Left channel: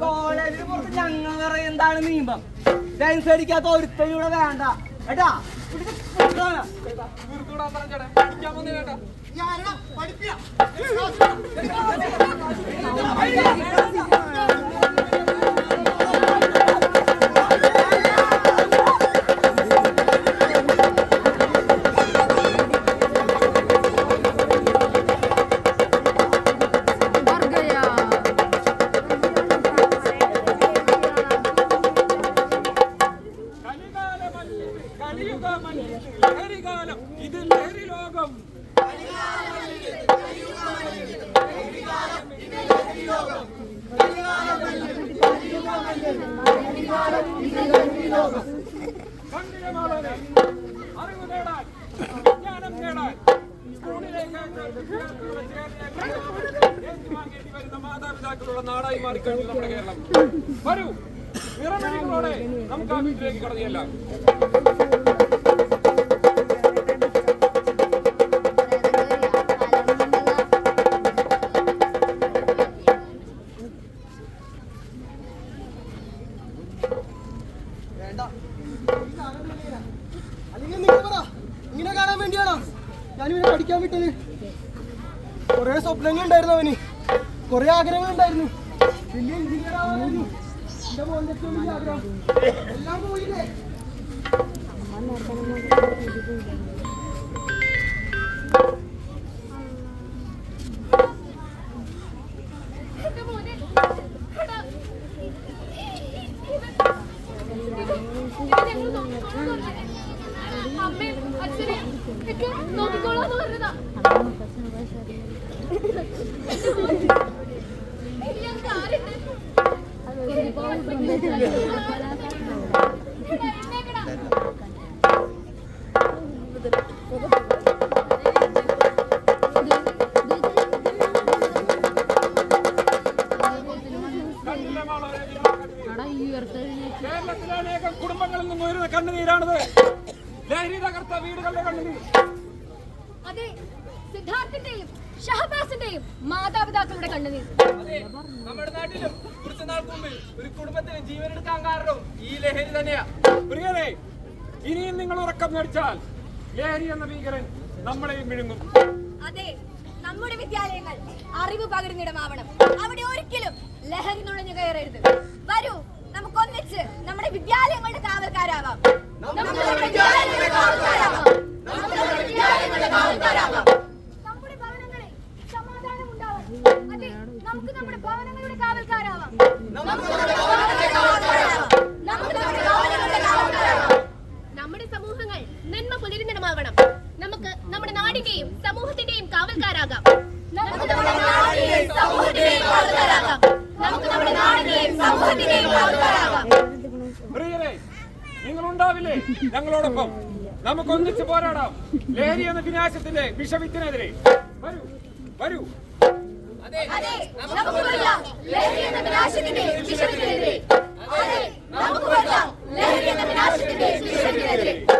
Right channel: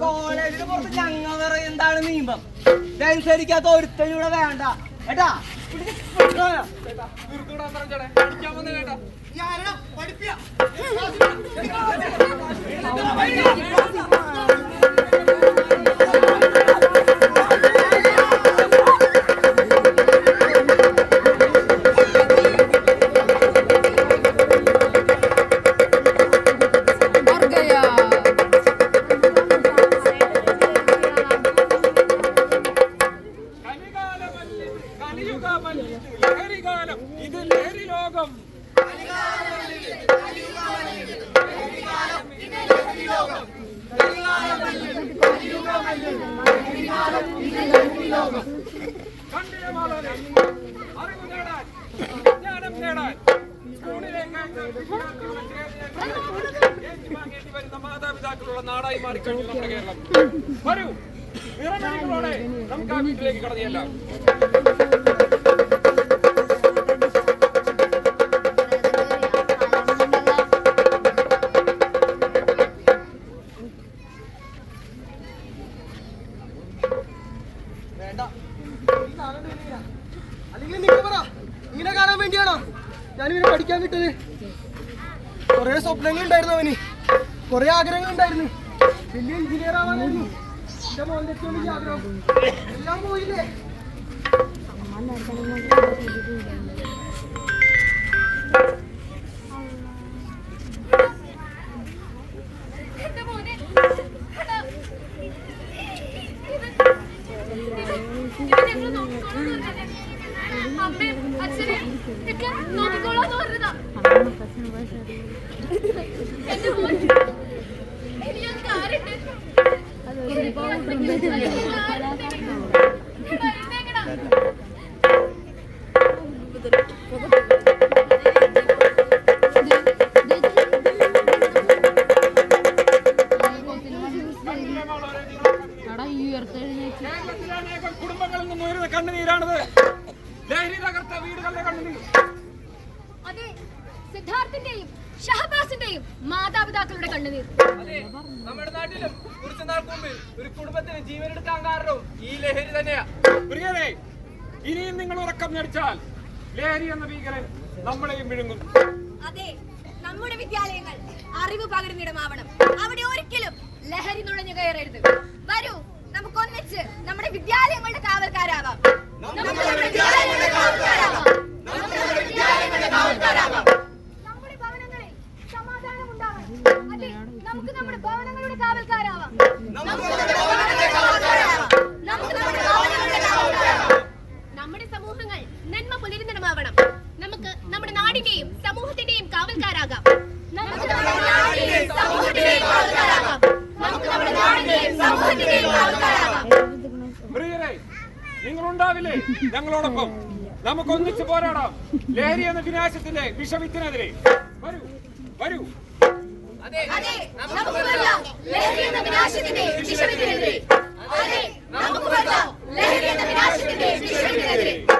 കോളേജിന് പുറത്ത് ഞങ്ങൾ പറയും എന്താണ് നിയമം. ഇതനുസരിക്കാത്ത ഒരുത്തനൂടെ വേണ്ട കേട്ടാ. ഇത് ലഹരി ലോകം. അറിവ് നേടാൻ, വിജ്ഞാനം നേടാൻ സ്കൂളിലേക്ക് ഏറ്റുവാങ്ങേണ്ടി വരുന്ന മാതാപിതാക്കളുള്ള നാടായി മാറിക്കഴിഞ്ഞു നമ്മുടെ കേരളം. വരൂ, നിറമെഴുകളോടെ നമുക്ക് ആ വീട്ടിലേക്ക് കടന്നിയെല്ലാം. അല്ലെങ്കിൽ നിങ്ങൾ പറ, ഇങ്ങനെ കാണാൻ വേണ്ടിയാണോ ഞാനിവനെ പഠിക്കാൻ വിട്ടത്? കുറെ സ്വപ്നങ്ങൾ ഉണ്ടായിരുന്നു അവന്, കുറെ ആഗ്രഹങ്ങൾ ഉണ്ടായിരുന്നു. വലിയ എഞ്ചിനീയർ ആവാനായിരുന്നു എന്റെ മോന്റെ ഏറ്റവും വലിയ ആഗ്രഹം. എല്ലാം പോയില്ലേ? നോക്കിക്കോളാന്ന് പറഞ്ഞതാ. എന്റെ മോൻ എനിക്ക് ആരുണ്ട്? കേരളത്തിലെ അനേകം കുടുംബങ്ങളിൽ നിന്ന് ഉയരുന്ന കണ്ണുനീരാണത്. ലഹരി തകർത്ത വീടുകളുടെ കണ്ണുനീർ. അതെ, സിദ്ധാർത്ഥിന്റെയും ഷഹബാസിന്റെയും മാതാപിതാക്കളുടെ കണ്ണുനീർ. അതെ, നമ്മുടെ നാട്ടിലും കുറച്ചു നാൾ മുമ്പ് ഒരു കുടുംബത്തിന് ജീവനെടുക്കാൻ കാരണം ഈ ലഹരി തന്നെയാ. പ്രിയരെ, ഇനിയും നിങ്ങൾ ഉറക്കം നടിച്ചാൽ ലഹരി എന്ന ഭീകരൻ നമ്മളെയും വിഴുങ്ങും. അതെ, നമ്മുടെ വിദ്യാലയങ്ങൾ അറിവ് പകരുന്നിടമാവണം. അവിടെ ഒരിക്കലും ലഹരി നുഴഞ്ഞു കയറരുത്. വരൂ, നമുക്ക് ഒന്നിച്ച് നമ്മുടെ വിദ്യാലയങ്ങളുടെ കാവൽക്കാരാവാം. നമ്മുടെ ഭവനങ്ങളിൽ സമാധാനം ഉണ്ടാവാം. അതെ, നമുക്ക് നമ്മുടെ ഭവനങ്ങളുടെ കാവൽക്കാരാവാം. നമ്മുടെ സമൂഹങ്ങൾ നന്മ പുലരുന്നിടമാവണം. നമുക്ക് നമ്മുടെ നാടിന്റെയും സമൂഹത്തിന്റെയും കാവൽക്കാരാകാം. പ്രിയരെ, നിങ്ങളുണ്ടാവില്ലേ ഞങ്ങളോടൊപ്പം? നമുക്ക് ഒന്നിച്ച് പോരാടാം ലഹരി എന്ന വിനാശത്തിന്റെ വിഷവിത്തിനെതിരെ. വരൂ, വരൂ. നമുക്ക് പോരാടാം ലഹരി എന്ന വിനാശത്തിന്റെ വിഷവിത്തിനെതിരെ.